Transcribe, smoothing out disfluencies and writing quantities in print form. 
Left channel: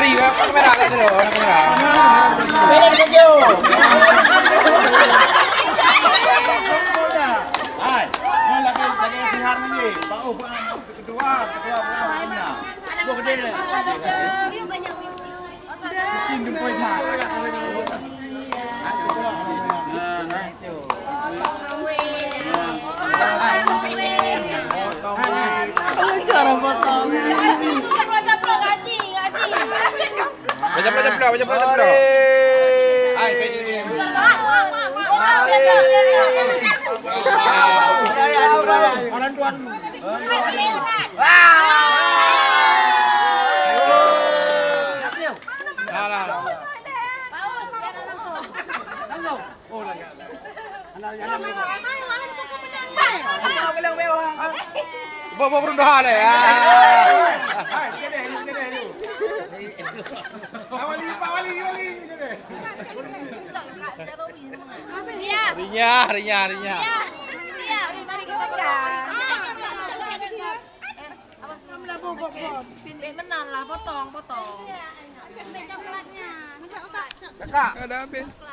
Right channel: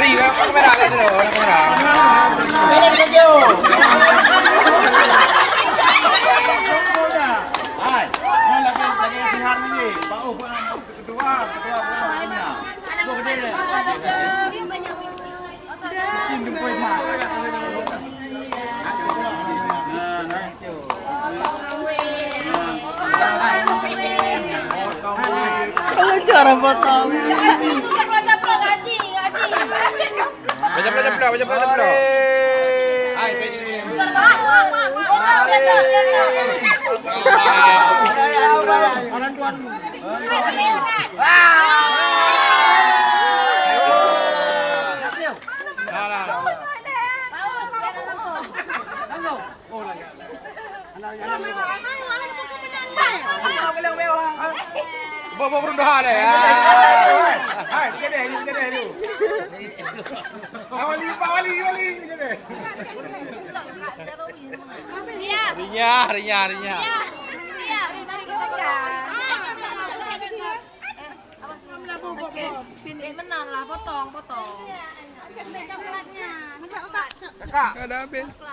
Wali, kamera itu loh, kamera. Ini video. Hai, ini lagi sinar ini. Bau kedua bulannya. Gua gede deh. Ini pun cara potong. Baca. Hai, Orang tuan. Bawa berdoa deh ya. Wali. Harinya. Benar lah, potong. Kakak. Ada habis.